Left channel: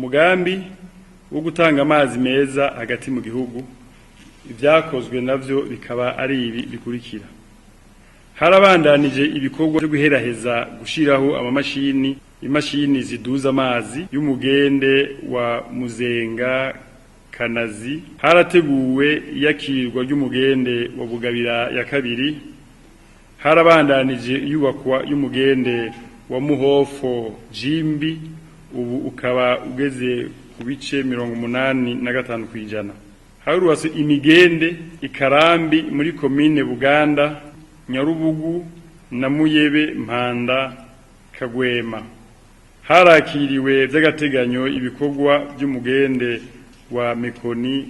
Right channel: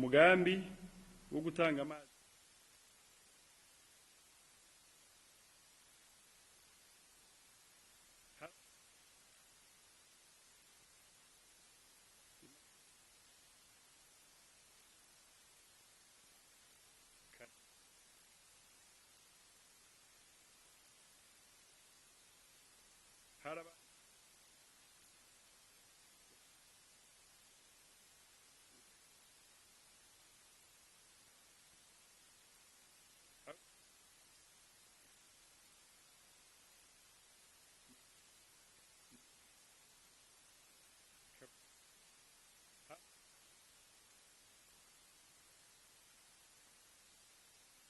Umugambi wo gutanga amazi meza hagati mu gihugu ivyakozwe navyo bikaba ari ibi bikurikira. Harabandanije ibikorwa byo guheraheza gushiraho imashini ziduza amazi y'umugende wa Muzenga Kanazi. Harateguwe iyakirwa ry'umugende wa Bugabira ya kabiri. Harabandanije iyubakwa y'umugende wa Muhofo Jimbi, ubu ukaba ugeze ku bice 85 kwijana. Harubatse imigende Ikarambi muri komine Buganda, Nyarubugu na Muyebe, Mpanda, Kagwema. Harakiriwe vy'agateganyo ibikorwa by'umugende wa Mekoni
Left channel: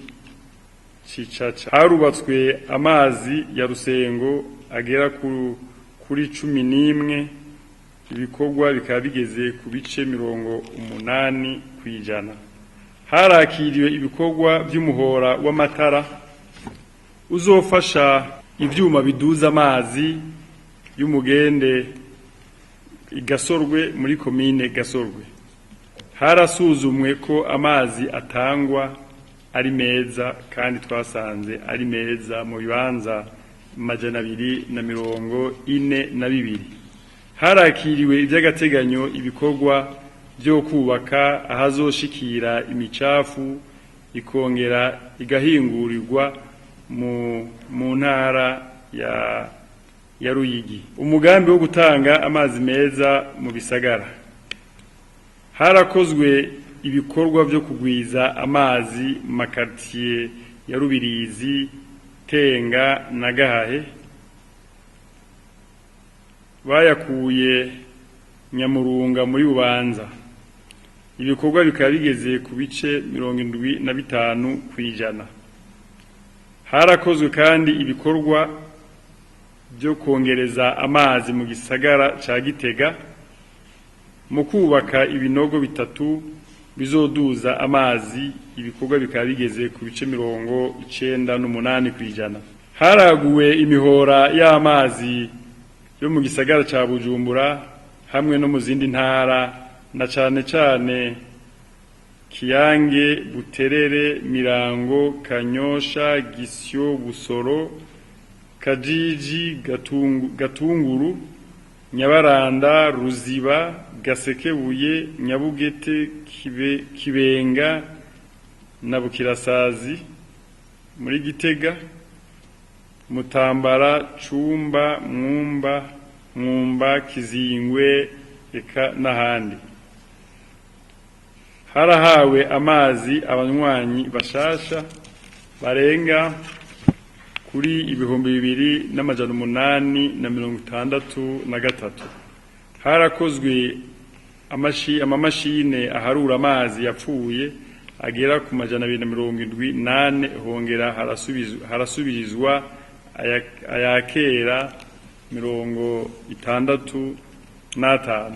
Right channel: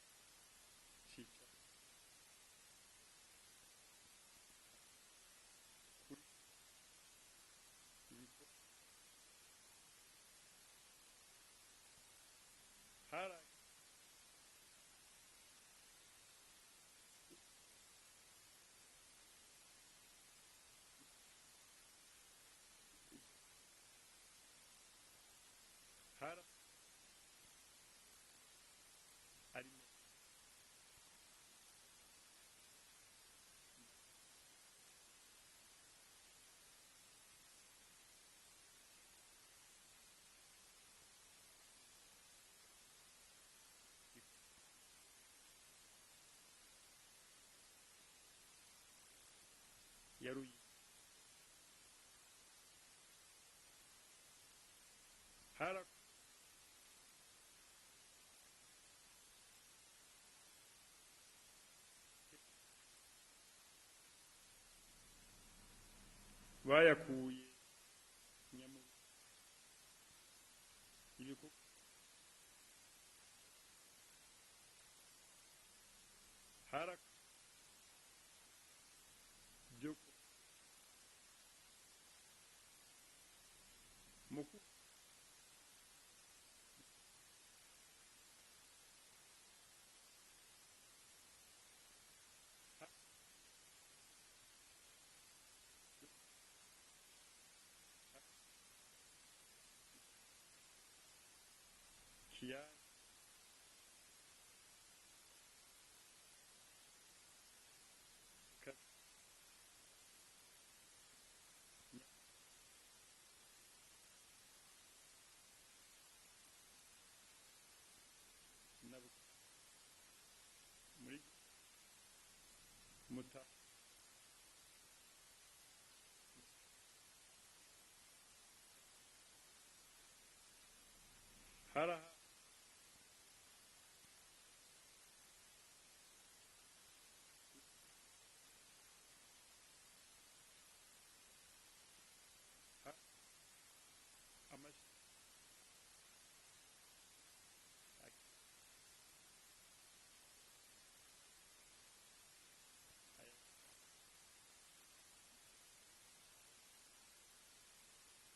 Cicaca. Harubatswe amazi ya Rusengo agera kuri 11, ibikorwa bikaba bigeze ku bice 80 kwijana. Harakiriwe ibikorwa by'umuhora w'amatara uzofasha ivyuma biduza amazi y'umugende Gasorwe muri komine Gasorwe. Harasuzumwe ko amazi atangwa ari meza kandi twasanze ari meza mu bibanza 242. Harakiriwe ivy'agateganyo ibikorwa byo kubaka ahazoshikira imicafu ikongera igahingurirwa mu ntara ya Ruyigi. Umugambi wo gutanga amazi meza mu bisagara. Harakozwe ibikorwa byo kugwiza amazi mu makartier ya Rubirizi, Tenga na Gahahe. Bayakuye Nyamurunga muri Bubanza. Ibikorwa bikaba bigeze ku bice 75 kwijana. Harakozwe kandi ibikorwa byo kongereza amazi mu gisagara ca Gitega mu kubaka ibinogo bitatu bizoduza amazi. Ibikorwa bikaba bigeze ku bice 98 kwijana. Haraguwe imihora y'amazi yo mu gisagara ca Bujumbura hamwe no mu zindi ntara, na cane Kiyange, Buterere, Mirango, Kanyosha, Gisyo, Busoro, Kajiji, Gatunguru, Nyabaranda, Ruziba, Gasekebuye, Nyabugete, Kibenga na Bukirasazi muri Gitega, Mutambara, Cumba, Mwumba, Kizingwe eka n'ahandi. Harahawe amazi abanywanyi bashasha barenga kuri 2863. Harakozwe amamashine aharura amazi yapfuye agera ku 278, hongera harasubirizwa ayakera 65.